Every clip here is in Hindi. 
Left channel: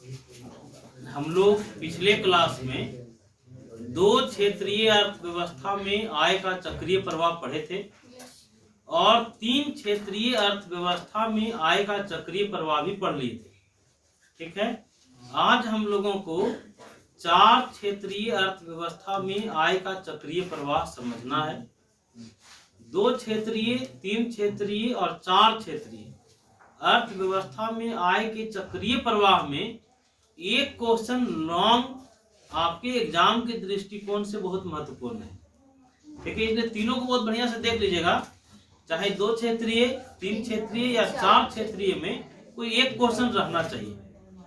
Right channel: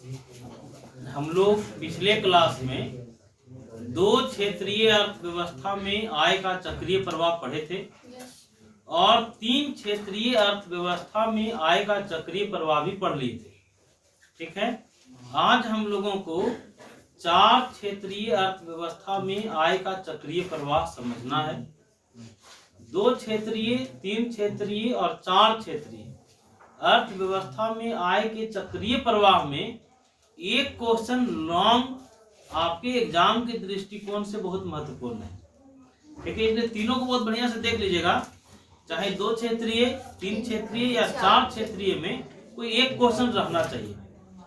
हम लोग पिछले क्लास में 2 क्षेत्रीय अर्थव्यवस्था में आय का चक्रीय प्रवाह पढ़े थे और 3 क्षेत्रीय अर्थव्यवस्था में आय का चक्रीय प्रवाह भी पढ़ लिए थे। ठीक है, आज हम लोगों को 4 क्षेत्रीय अर्थव्यवस्था में आय का चक्रीय प्रवाह समझना है। 2 क्षेत्रीय, 3 क्षेत्रीय और 4 क्षेत्रीय अर्थव्यवस्था में आय के चक्रीय प्रवाह में एक क्वेश्चन लॉन्ग आपके एग्जाम के दृष्टिकोण से बहुत महत्वपूर्ण है। ठीक है, इसलिए तीनों को बहुत बढ़िया से देख लीजिएगा, चाहे 2 क्षेत्रीय, 3 क्षेत्रीय या 4 क्षेत्रीय में कोई एक क्वेश्चन रहना चाहिए।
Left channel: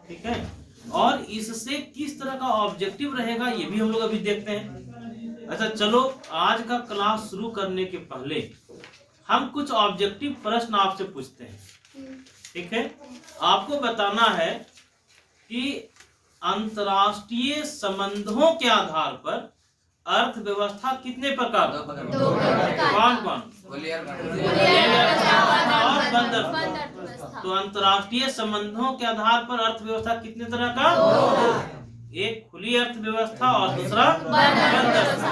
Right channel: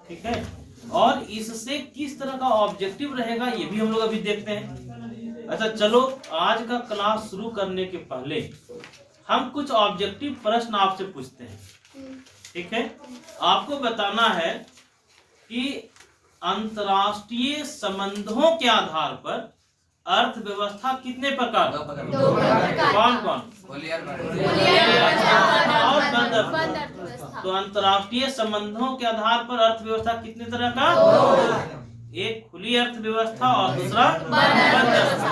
ठीक है, और इससे किस तरह का ऑब्जेक्टिव रहेगा ये भी हम लोग अभी देखते हैं। अच्छा चलो, आज का क्लास शुरू करने के पहले हम कुछ ऑब्जेक्टिव प्रश्न आपसे पूछते हैं। ठीक है, आपको बताना है कि अंतर्राष्ट्रीय संबंधों के आधार पर अर्थव्यवस्था कितने प्रकार? कौन कौन? तो अंतर्राष्ट्रीय संबंधों के आधार पर अर्थव्यवस्था कितने तरह का? एक खुली अर्थव्यवस्था और दूसरा बंद अर्थव्यवस्था।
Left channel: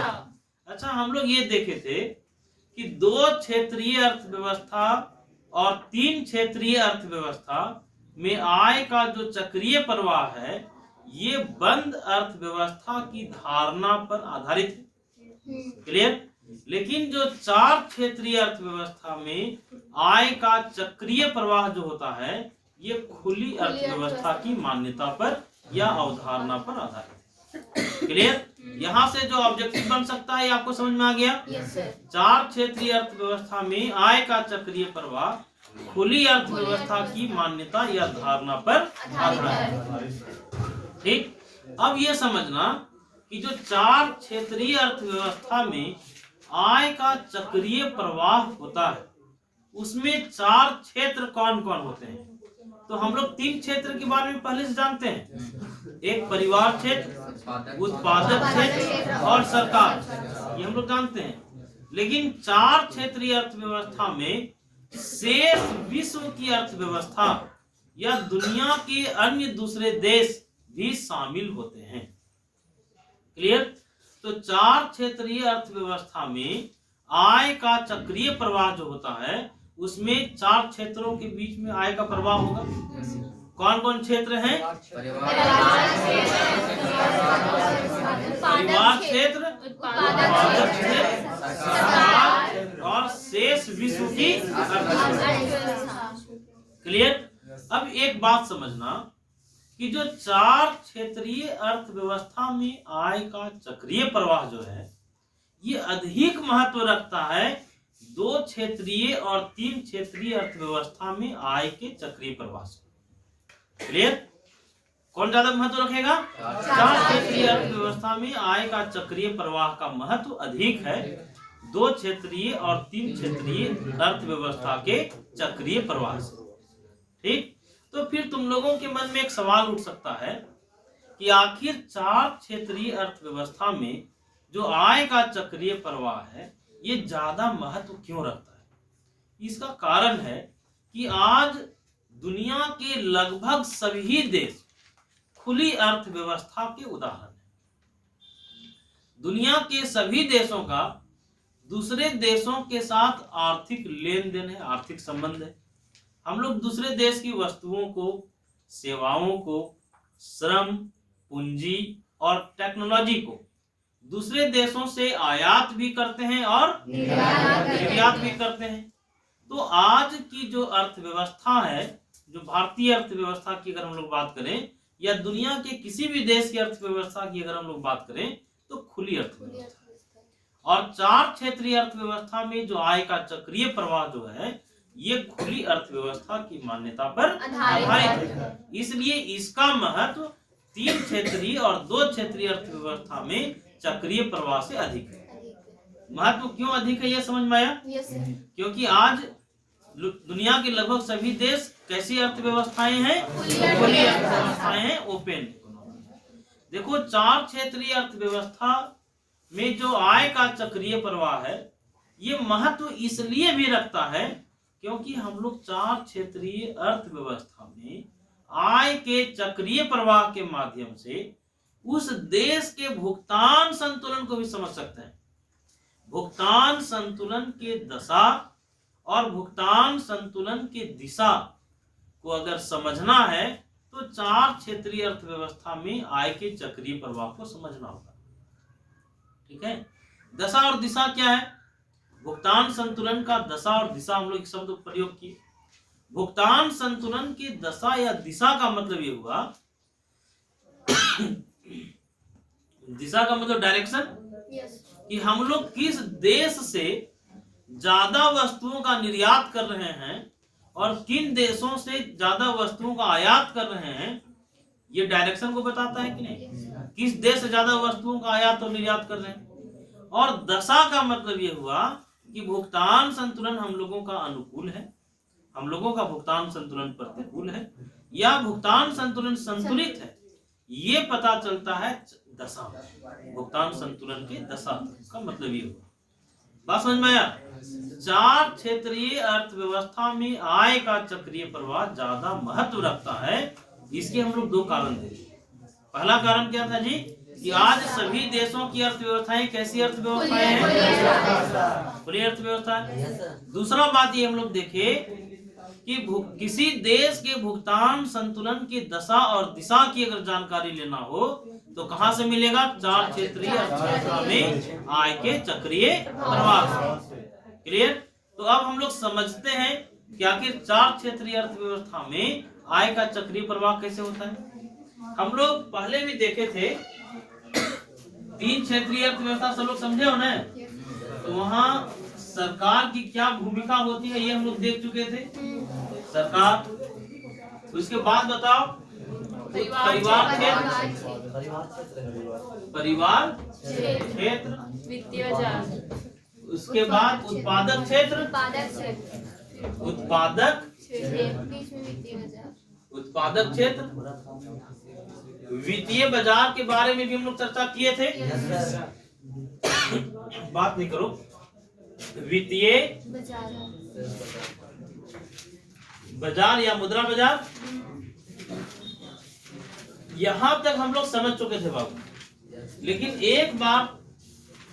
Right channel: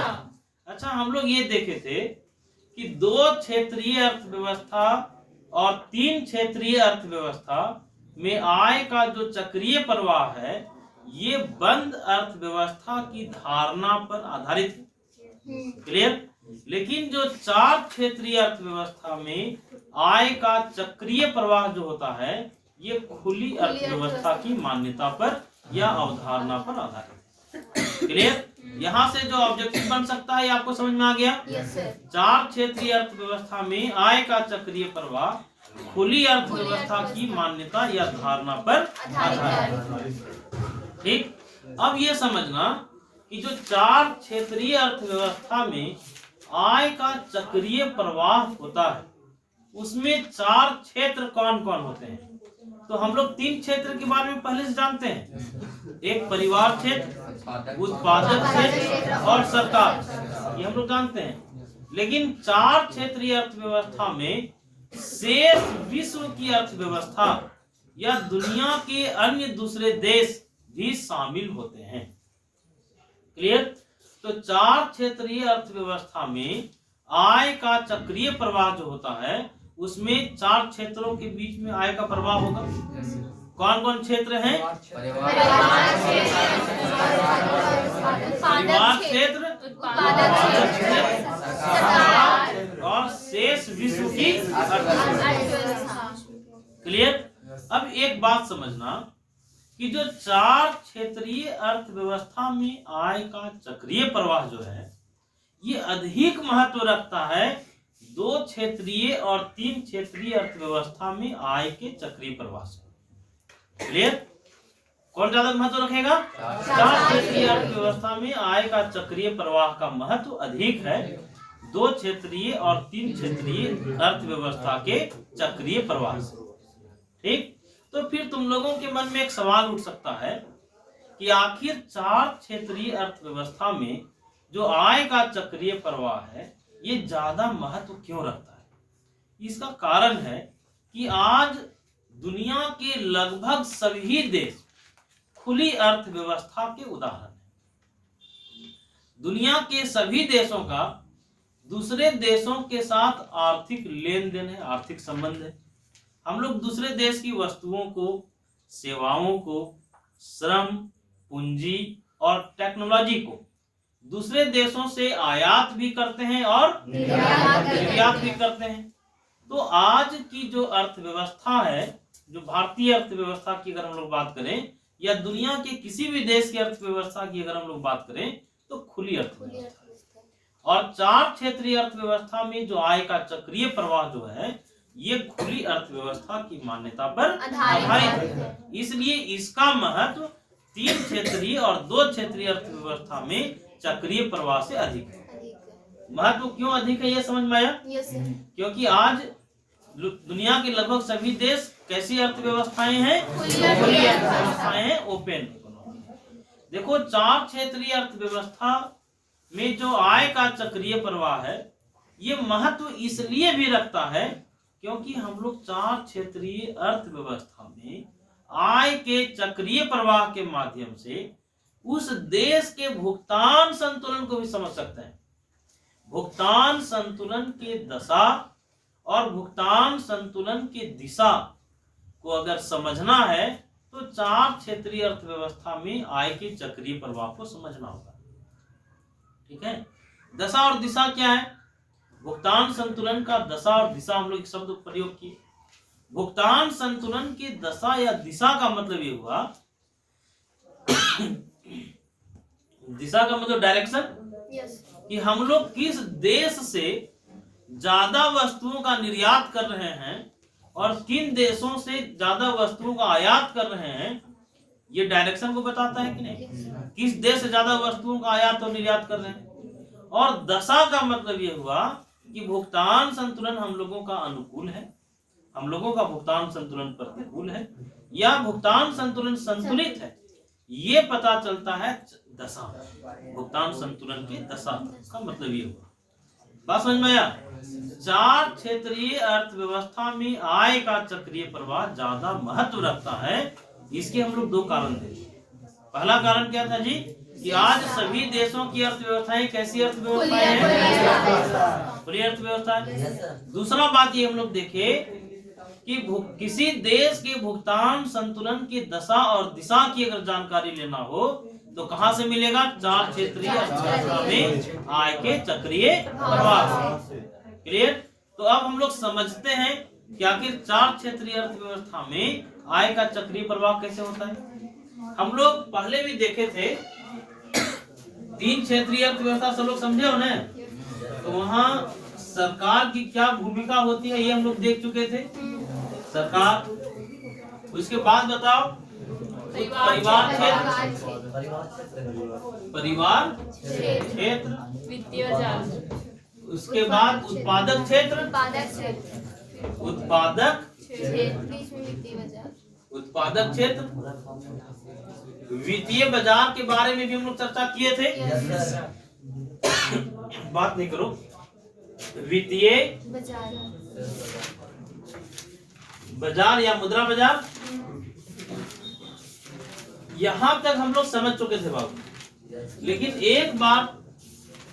अच्छा, हम लोग ये देखे थे कि 2 क्षेत्रीय अर्थव्यवस्था और 3 क्षेत्रीय अर्थव्यवस्था में आय का जो चक्रीय प्रवाह है ये बंद अर्थव्यवस्था की धारणा पर आधारित है। क्लियर? लेकिन जो 4 क्षेत्रीय अर्थव्यवस्था में आय का चक्रीय प्रवाह जो होता है ये खुली अर्थव्यवस्था की मान्यता पर या अवधारणा पर आधारित है। क्लियर? यहाँ से जो ऑब्जेक्टिव बन सकता है आपको समझ में आ गया? 4 क्षेत्रीय अर्थव्यवस्था में आय का चक्रीय प्रवाह खुली अर्थव्यवस्था की मान्यता या धारणा पर आधारित। ठीक, अब ये समझना कि जो 4 क्षेत्रीय अर्थव्यवस्था में आय का चक्रीय प्रवाह होता है उसमें 4 क्षेत्र कौन कौन होते हैं। तो हम लोग 3 क्षेत्र के बारे में पहले से जानते हैं, एक परिवार क्षेत्र, उत्पादक क्षेत्र और सरकार, ये हम लोग जानते हैं। लेकिन 4 क्षेत्रीय अर्थव्यवस्था में शेष विश्व की अर्थव्यवस्था या दुनिया के अन्य दूसरे देश भी शामिल होते हैं। क्लियर? तो 4 क्षेत्रीय अर्थव्यवस्था में आय का चक्रीय प्रवाह जो होता है उसमें 4 क्षेत्रों के बीच में आय का प्रवाह होगा। कौन कौन क्षेत्र हैं? परिवार क्षेत्र, उत्पादक क्षेत्र और शेष विश्व की अर्थव्यवस्था। क्लियर? अब एक बात समझना कि जो 4 क्षेत्रीय अर्थव्यवस्था में आय का चक्रीय प्रवाह जो है ये अधिक महत्व रखता है 2 क्षेत्रीय और 3 क्षेत्रीय अर्थव्यवस्था में आय के चक्रीय प्रवाह से। क्लियर? कौन ज्यादा महत्व रखेगा? 4 क्षेत्रीय अर्थव्यवस्था में आय का चक्रीय प्रवाह का महत्व अधिक है 2 क्षेत्रीय और 3 क्षेत्रीय अर्थव्यवस्था के चक्रीय प्रवाह से। ठीक, तो फिर तुम लोगों के मन में एक सवाल उठ सकता है कि आखिर 4 क्षेत्रीय अर्थव्यवस्था में जो आय का चक्रीय प्रवाह है ये ज्यादा महत्व क्यों रखता है। इसका कारण है कि आज दुनिया के लगभग सभी देश खुली अर्थव्यवस्था के उदाहरण हैं। दुनिया के सभी देशों का दूसरे देशों के साथ आर्थिक लेन देन है, आर्थिक संबंध है। हम लोग दूसरे देश की वस्तुओं को, सेवाओं को, श्रम, पूंजी और टेक्नोलॉजी को दूसरे देशों से आयात भी करते हैं और निर्यात भी करते हैं। तो आज की जो अर्थव्यवस्था है, जो भारतीय अर्थव्यवस्था की अगर हम लोग बात करें या दुनिया के किसी भी देश की अर्थव्यवस्था की अगर हम लोग बात करें तो खुली अर्थव्यवस्था। और 4 क्षेत्रीय अर्थव्यवस्था में जो आय का चक्रीय प्रवाह जो है ये खुली अर्थव्यवस्था की मान्यता पर आधारित है। इसलिए इसका महत्व 3 क्षेत्रीय और 2 क्षेत्रीय अर्थव्यवस्था में चक्रीय प्रवाह से अधिक है। महत्व क्यों अधिक है ये समझ में आया? क्योंकि आज दुनिया के लगभग सभी देश कैसी अर्थव्यवस्थाएं हैं? खुली अर्थव्यवस्थाएं हैं, ओपन इकोनॉमी। देखो, 4 क्षेत्रीय अर्थव्यवस्था में जो आय का चक्रीय प्रवाह है ये महत्व इसलिए भी रखता है क्योंकि हम लोग 4 क्षेत्रीय अर्थव्यवस्था में आय के चक्रीय प्रवाह के माध्यम से उस देश के भुगतान संतुलन को भी समझ सकते हैं। भुगतान संतुलन के दशा और भुगतान संतुलन की दिशा को अगर समझना है तो 4 क्षेत्रीय अर्थव्यवस्था में आय के चक्रीय प्रवाह को समझना होगा। ठीक है, दशा और दिशा क्या है? भुगतान संतुलन का दशा और दिशा हम लोग शब्द प्रयोग किए। भुगतान संतुलन की दशा या दिशा का मतलब ये हुआ दिशा का मतलब डायरेक्शन, कि हम लोग किस देश से ज्यादा वस्तुओं का निर्यात कर रहे हैं और किन देशों से ज्यादा वस्तुओं का आयात कर रहे हैं, ये डायरेक्शन को बताता है कि नहीं? किस देश से ज्यादा वस्तुओं का आयात और निर्यात कर रहे हैं। और दशा का मतलब ये हुआ कि भुगतान संतुलन हम लोगों का अनुकूल है, हम लोगों का भुगतान संतुलन प्रतिकूल है, या भुगतान संतुलन संतुलित है, ये पता चलता है दशा। भुगतान संतुलन की दशा का मतलब ये हुआ। बात समझ में आया? 4 क्षेत्रीय अर्थव्यवस्था में आय का चक्रीय प्रवाह ज्यादा महत्व रखता है। इसके हम लोग 2 कारण देंगे। पहला कारण क्या था जी? कि आज सभी देशों की अर्थव्यवस्थाएं कैसी अर्थव्यवस्थाएं हैं? खुली अर्थव्यवस्था है। दूसरा बात ये हम लोग देखे कि किसी देश के भुगतान संतुलन की दशा और दिशा की अगर जानकारी लेना हो तो कहां से मिलेगा? 4 क्षेत्रीय अर्थव्यवस्था में आय के चक्रीय प्रवाह। क्लियर? तो अब हम लोग समझते हैं कि आखिर 4 क्षेत्रीय अर्थव्यवस्था में आय का चक्रीय प्रवाह कैसे होता है। हम लोग पहले भी देखे थे 3 क्षेत्रीय अर्थव्यवस्था, सब लोग समझे हो ना? तो वहाँ सरकार की क्या भूमिका होती है ये हम लोग देख चुके थे। सरकार, उसके बाद बताओ परिवार क्षेत्र, वित्तीय बाजार, उसके बाद उत्पादक क्षेत्र, उत्पादक क्षेत्र, वित्तीय बाजार के बारे में भी हम लोग चर्चा किए थे। बात नहीं करो, वित्तीय बाजार या मुद्रा बाजार, यहां तक हम लोग समझ चुके थे बाबू। लेकिन एक बार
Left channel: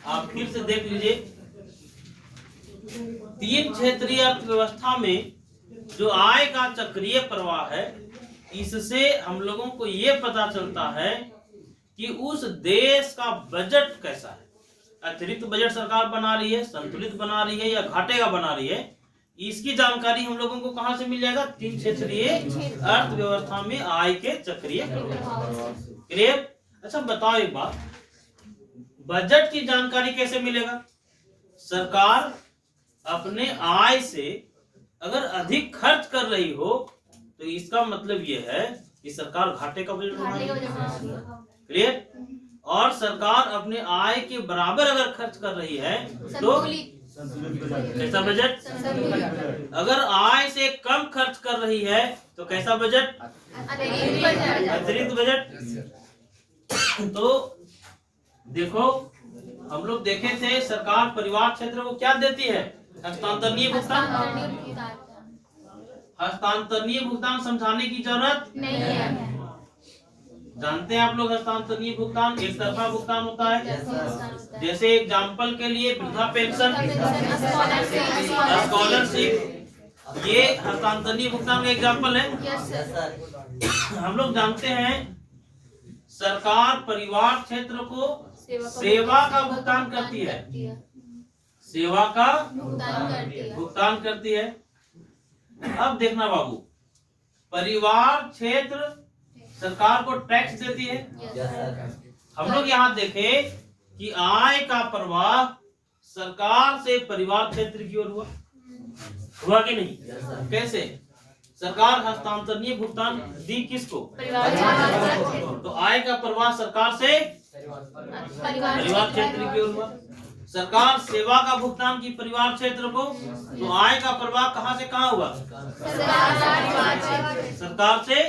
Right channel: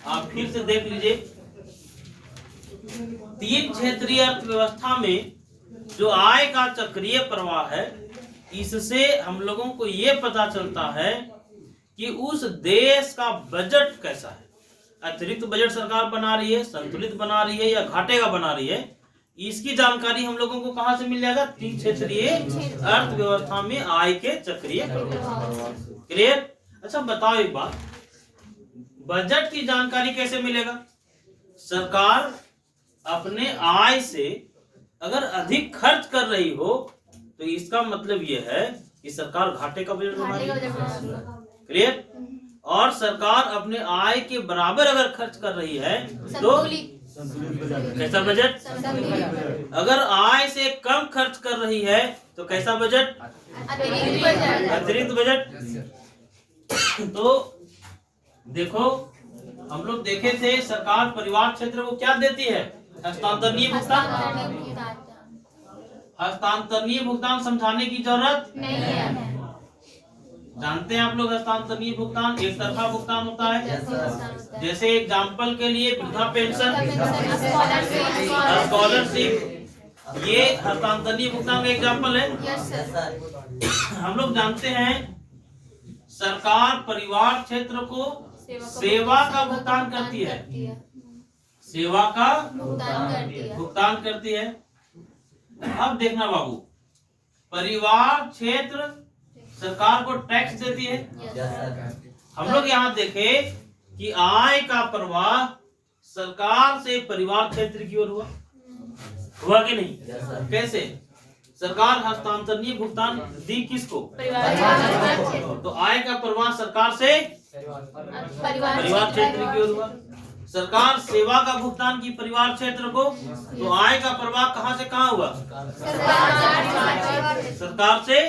आप फिर से देख लीजिए, 3 क्षेत्रीय अर्थव्यवस्था में जो आय का चक्रीय प्रवाह है, इससे हम लोगों को ये पता चलता है कि उस देश का बजट कैसा है। अतिरिक्त बजट सरकार बना रही है, संतुलित बना रही है या घाटे का बना रही है, इसकी जानकारी हम लोगों को कहां से मिल जाएगा? 3 क्षेत्रीय अर्थव्यवस्था में आय के चक्रीय प्रवाह। क्लियर? अच्छा बताओ एक बात, बजट की जानकारी कैसे मिलेगा? सरकार अपने आय से अगर अधिक खर्च कर रही हो तो इसका मतलब ये है कि सरकार घाटे का बजट बना रही है। क्लियर? और सरकार अपने आय के बराबर अगर खर्च कर रही है तो कैसा बजट? अगर आय से कम खर्च कर रही है तो कैसा बजट? अतिरिक्त बजट। तो देखो, हम लोग देखे थे सरकार परिवार क्षेत्र को क्या देती है? हस्तांतरणीय भुगतान। हस्तांतरणीय भुगतान समझाने की जरूरत नहीं है। जानते हैं आप लोग, हस्तांतरणीय भुगतान एक तरफा भुगतान होता है। जैसे एग्जाम्पल के लिए वृद्धा पेंशन, स्कॉलरशिप, ये हस्तांतरणीय भुगतान का एग्जाम्पल है। हम लोग जानते हैं सरकार परिवार क्षेत्र को सेवा का भुगतान करती है, सेवा का भुगतान करती है। अब देखना बाबू, परिवार क्षेत्र सरकार को टैक्स देती है। हम लोग यहाँ देखे कि आय का प्रवाह सरकार से परिवार क्षेत्र की ओर हुआ कि नहीं? कैसे? सरकार हस्तांतरणीय भुगतान दी किसको? तो आय का प्रवाह सरकार से परिवार क्षेत्र की ओर हुआ। सरकार सेवा का भुगतान की परिवार क्षेत्र को, तो आय का प्रवाह कहां से कहां हुआ? सरकार से।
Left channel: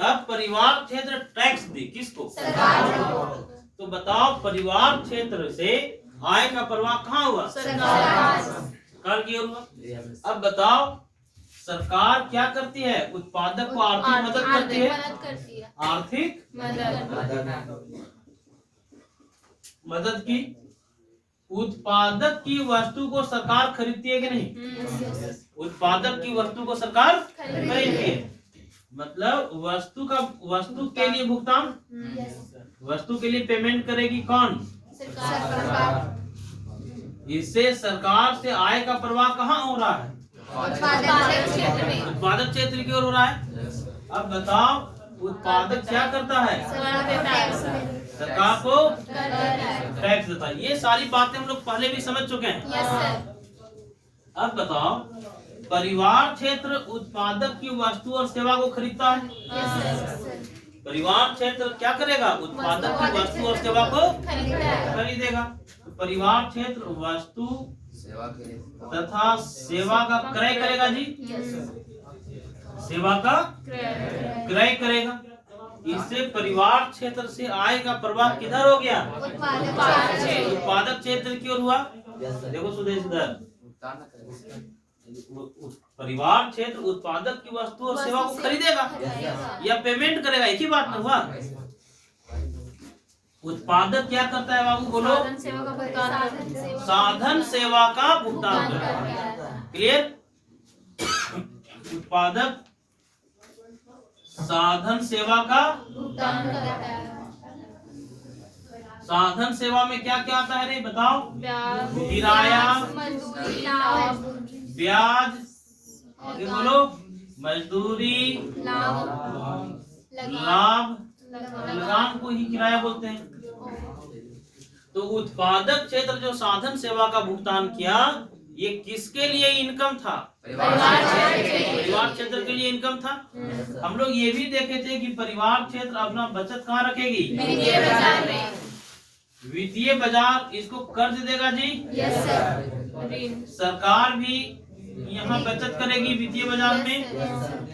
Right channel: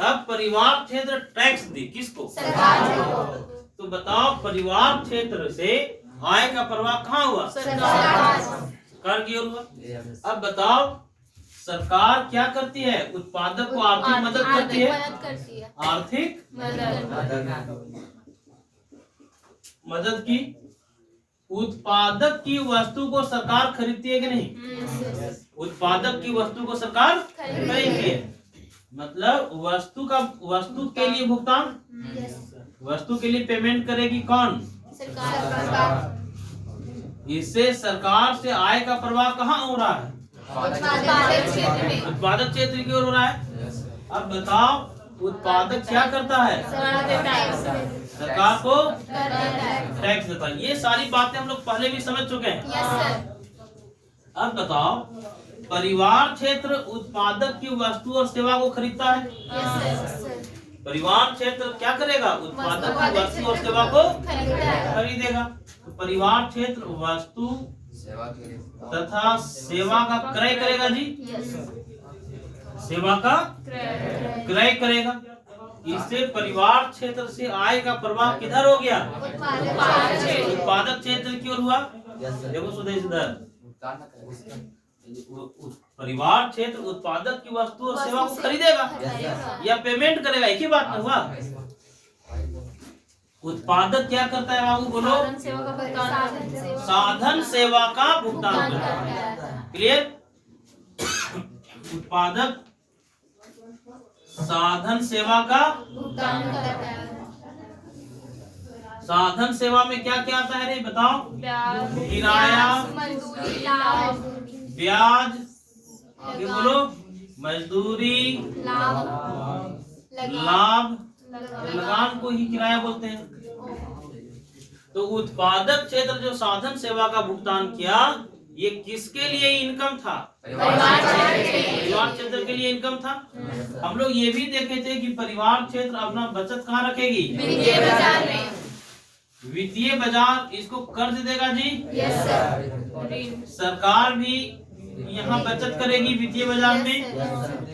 अब परिवार क्षेत्र टैक्स दी किसको? तो बताओ, परिवार क्षेत्र से आय का प्रवाह कहां हुआ? सरकार की ओर हुआ। अब बताओ, सरकार क्या करती है? उत्पादक को आर्थिक मदद करती है। आर्थिक मदद की। उत्पादक की वस्तु को सरकार खरीदती है कि नहीं? उत्पादक की वस्तु को सरकार खरीदती है। मतलब वस्तु के लिए भुगतान, वस्तु के लिए पेमेंट करेगी कौन? सरकार। इससे सरकार से आय का प्रवाह कहाँ हो रहा है? उत्पादक क्षेत्र की ओर हो रहा है। अब बताओ उत्पादक क्या करता है? सरकार को टैक्स देता है। ये सारी बातें हम लोग पहले भी समझ चुके हैं। अब बताओ परिवार क्षेत्र उत्पादक की वस्तु और सेवा को खरीदता है। परिवार क्षेत्र क्या करेगा? उत्पादक की वस्तु और सेवा को खरीदेगा। तो परिवार क्षेत्र वस्तु तथा सेवा का क्रय करेगा जी। सेवा का क्रय करेगा। इससे परिवार क्षेत्र से आय का प्रवाह किधर हो गया? उत्पादक क्षेत्र की ओर हुआ। देखो सुदेश इधर, परिवार क्षेत्र उत्पादक की वस्तु और सेवा को खरीदेगा या पेमेंट करेगा, एक ही बात ना हुआ। उत्पादक क्या करता है बाबू बोलो? साधन सेवा का भुगतान करता है। क्लियर? उत्पादक साधन सेवा का भुगतान करता है। साधन सेवा में क्या क्या आता है रे बताओ? किराया, ब्याज, आगे बोलो, मजदूरी, लाभ, लगान को ही किराया बोलते हैं। तो उत्पादक क्षेत्र जो साधन सेवा का भुगतान किया, ये किसके लिए इनकम था? परिवार क्षेत्र के लिए इनकम था। हम लोग ये भी देखे थे कि परिवार क्षेत्र अपना बचत कहाँ रखेगी? वित्तीय बाजार इसको कर्ज देगा जी। सरकार भी यहाँ बचत करेगी वित्तीय बाजार में,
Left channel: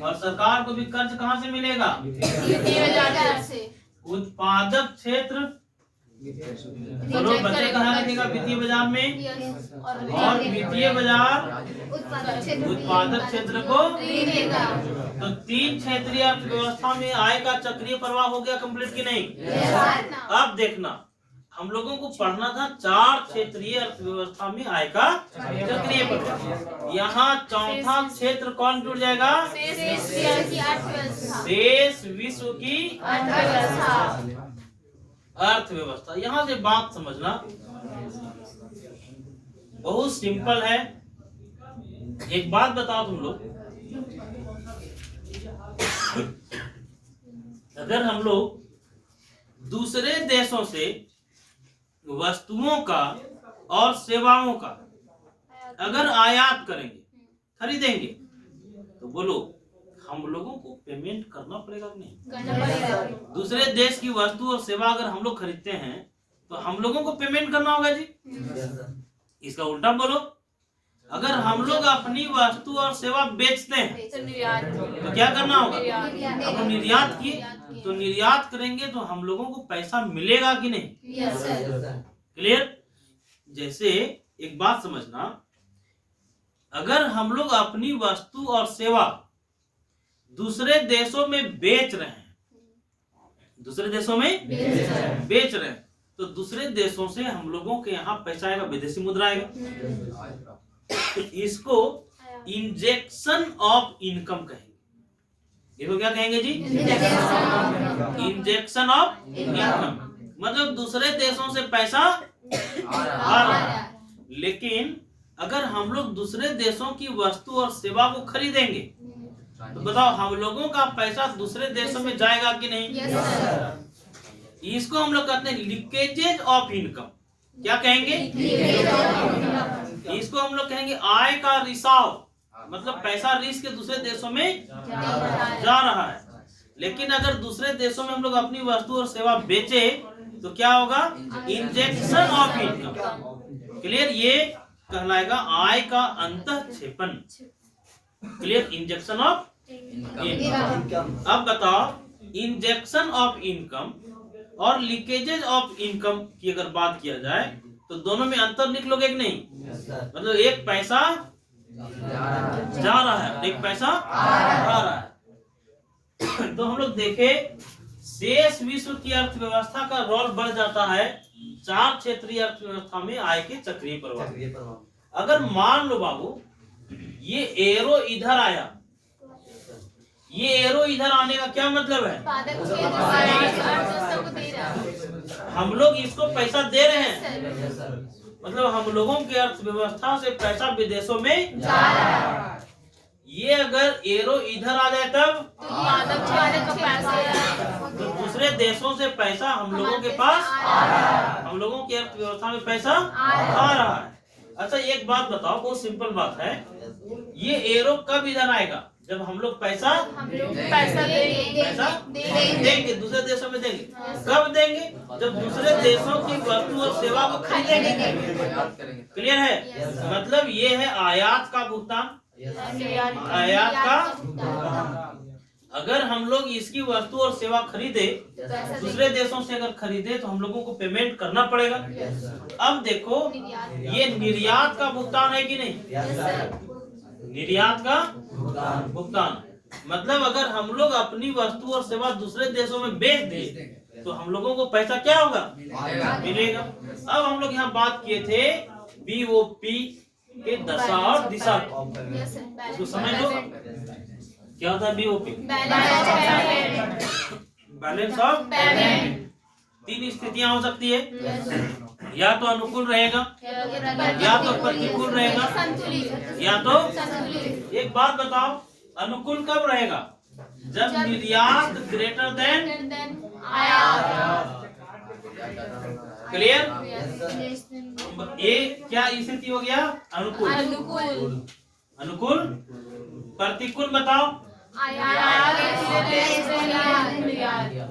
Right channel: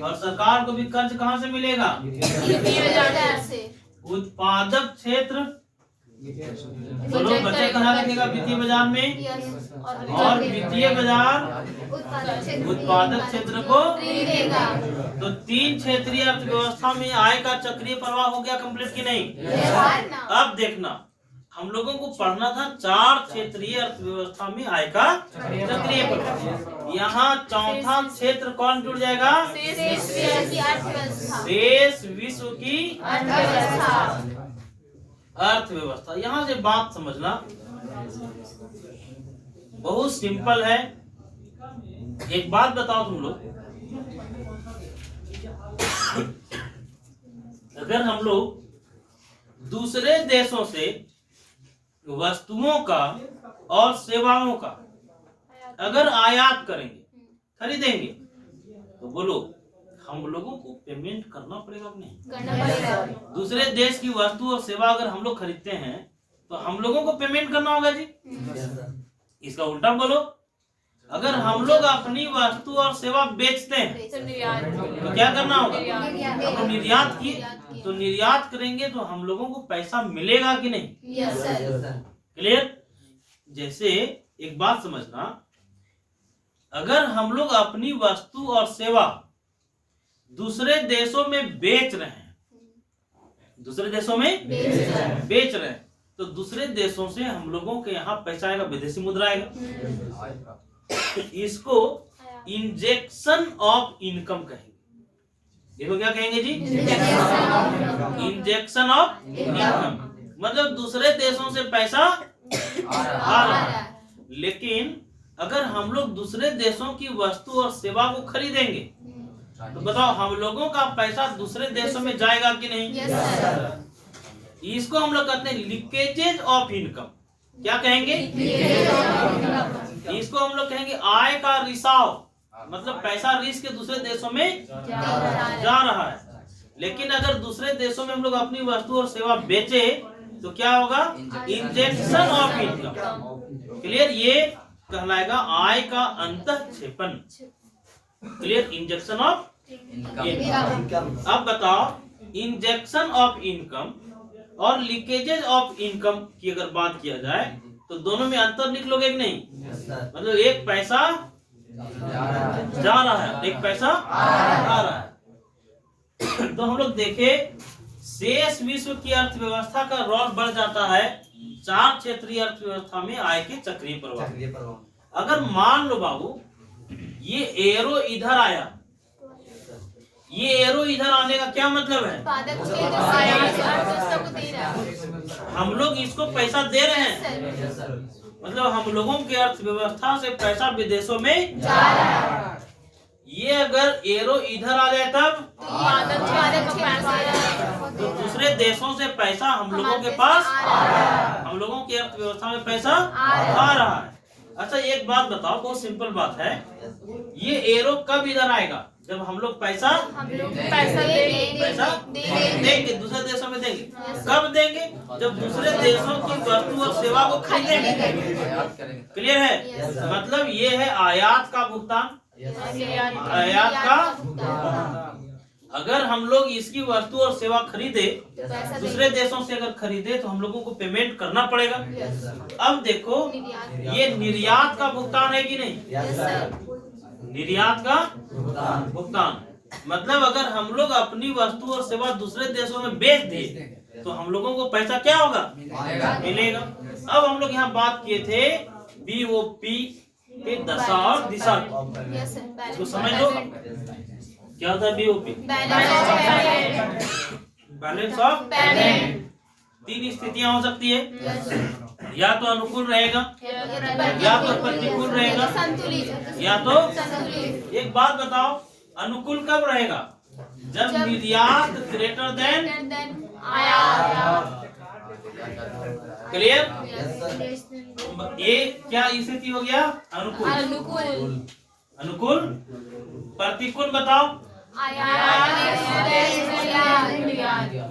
और सरकार को भी कर्ज कहाँ से मिलेगा? वित्तीय बाजार से। उत्पादक क्षेत्र दोनों बचत कहाँ रखेगा? वित्तीय बाजार में, और वित्तीय बाजार उत्पादक क्षेत्र को देगा। तो तीन क्षेत्रीय अर्थव्यवस्था में आय का चक्रीय प्रवाह हो गया कंप्लीट की नहीं? अब देखना, हम लोगों को पढ़ना था चार क्षेत्रीय अर्थव्यवस्था में आय का चक्रीय प्रवाह। यहाँ चौथा क्षेत्र कौन जुड़ जाएगा? देश विश्व की अर्थव्यवस्था। यहाँ से बात समझना बहुत सिंपल है। एक बात बताओ तुम लोग, अगर हम लोग दूसरे देशों से वस्तुओं का और सेवाओं का अगर आयात करेंगे, खरीदेंगे, तो बोलो हम लोगों को पेमेंट करना पड़ेगा कि नहीं? करना पड़ेगा। दूसरे देश की वस्तु और सेवा अगर हम लोग खरीदते हैं तो हम लोगों को पेमेंट करना होगा जी। इसका उल्टा बोलो, अगर हम लोग अपनी वस्तु और सेवा बेचते हैं तो क्या करना होगा? हम निर्यात किए तो निर्यात करेंगे तो हम लोगों को पैसा मिलेगा कि नहीं? क्लियर? जैसे एक बात समझना, अगर हम लोग अपनी वस्तु और सेवा दूसरे देशों में बेच रहे हैं, दूसरे देशों में बेच रहे हैं, तो दूसरे देशों से हम लोगों के यहाँ पैसा आएगा, विदेशी मुद्रा आएगा। इसको इंजेक्शन ऑफ इनकम कहेंगे। इसको क्या कहेंगे जी? Injection of income. मतलब दूसरे देशों से पैसा आ रहा है, लेकिन अगर हम लोग दूसरे देशों की वस्तु और सेवा को खरीदेंगे तो बताओ हम लोगों का पैसा दूसरे देशों में जाएगा कि नहीं? इसको हम लोग कहते हैं लीकेजेज ऑफ इनकम। क्या कहेंगे? इसको हम लोग कहेंगे आय का रिसाव। मतलब पैसा रिस्क के दूसरे देशों में जा रहा है, लेकिन अगर दूसरे देशों में हम लोग अपनी वस्तु और सेवा बेचे तो क्या होगा? Injection of income. क्लियर? ये कहलाएगा आय का अंतःक्षेपण। क्लियर? Injection of income. अब बताओ इंजेक्शन ऑफ इनकम और लीकेजेज ऑफ इनकम की अगर बात किया जाए तो दोनों में अंतर निकलोगे कि नहीं? मतलब एक पैसा जा रहा है, एक पैसा आ रहा है। तो हम लोग देखे शेष विश्व की अर्थव्यवस्था का रोल बढ़ जाता है 4 क्षेत्रीय अर्थव्यवस्था में आय के चक्रीय प्रवाह। अगर मान लो बाबू ये एरो इधर आया, ये एरो इधर आने का क्या मतलब है? हम लोग इसको पैसा दे रहे हैं, मतलब हम लोगों की अर्थव्यवस्था से पैसा विदेशों में जा रहा है। ये अगर एरो इधर आ जाए तब तो दूसरे देशों से पैसा हम लोगों के पास, हम लोगों की अर्थव्यवस्था में पैसा आ रहा है। अच्छा एक बात बताओ, बहुत सिंपल बात है, ये एरो कब इधर आएगा? जब हम लोग पैसा देंगे, दूसरे देशों में देंगे। कब देंगे? जब दूसरे देशों की वस्तु और सेवा को खरीदेंगे। क्लियर है? मतलब ये है आयात का भुगतान, आयात का भुगतान। अगर हम लोग इसकी वस्तु और सेवा खरीदे, दूसरे देशों से अगर खरीदे तो हम लोगों को पेमेंट करना पड़ेगा। अब देखो ये निर्यात का भुगतान है कि नहीं? निर्यात का भुगतान मतलब अगर हम लोग अपनी वस्तु और सेवा दूसरे देशों में बेच दे तो हम लोगों को पैसा क्या होगा? मिलेगा। अब हम लोग यहाँ बात किए थे BOP के दशा और दिशा, इसको समझ लो क्या होता है BOP? Balance of payment. 3 स्थितियां हो सकती है, या तो अनुकूल रहेगा, या तो प्रतिकूल रहेगा, या तो एक बात बताओ अनुकूल कब रहेगा? जब निर्यात ग्रेटर देन आयात। क्लियर? ये क्या स्थिति हो गया? अनुकूल। अनुकूल। प्रतिकूल बताओ।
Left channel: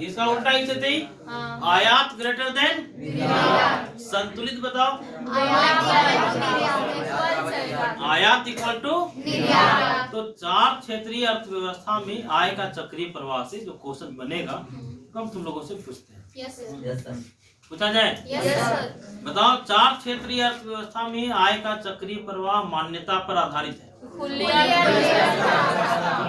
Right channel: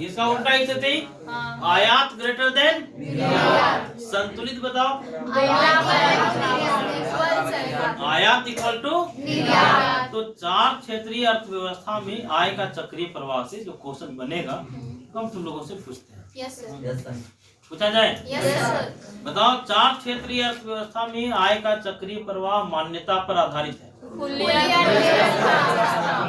इसका उल्टा स्थिति आयात ग्रेटर देन। संतुलित बताओ। आयात इक्वल टू। तो 4 क्षेत्रीय अर्थव्यवस्था में आय का चक्रीय प्रवाह से जो क्वेश्चन बनेगा हम तुम लोगों से पूछते हैं। पूछा जाए? बताओ 4 क्षेत्रीय अर्थव्यवस्था में आय का चक्रीय प्रवाह मान्यता पर आधारित है। खुली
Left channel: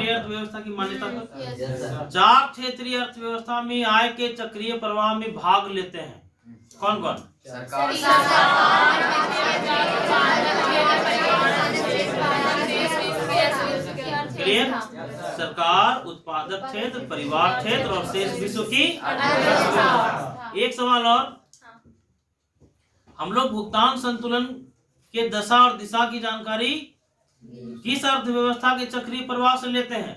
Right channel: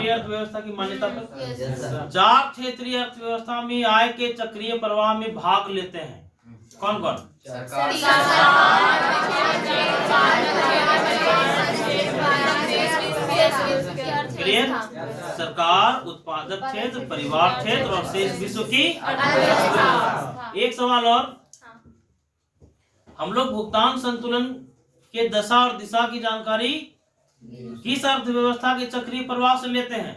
अर्थव्यवस्था की मान्यता पर 4 क्षेत्रीय अर्थव्यवस्था में आय के चक्रीय प्रवाह में भाग लेते हैं कौन कौन? क्लियर? सरकार, उत्पादक क्षेत्र, परिवार क्षेत्र और शेष विश्व की अर्थव्यवस्था। एक सवाल और, हम लोग भुगतान संतुलन के दशा और दिशा की जानकारी किस अर्थव्यवस्था के चक्रीय प्रवाह से लेते हैं?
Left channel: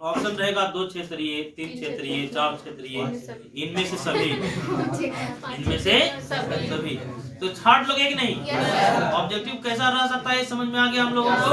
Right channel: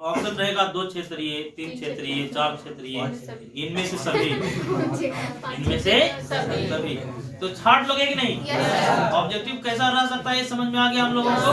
ऑप्शन रहेगा 2 क्षेत्रीय, 3 क्षेत्रीय, 4 क्षेत्रीय, इनमें से सभी, इनमें से सभी। तो छाट लोगे कि नहीं? ऑब्जेक्टिव कैसा रह सकता है समझ में आ गया हम लोगों को?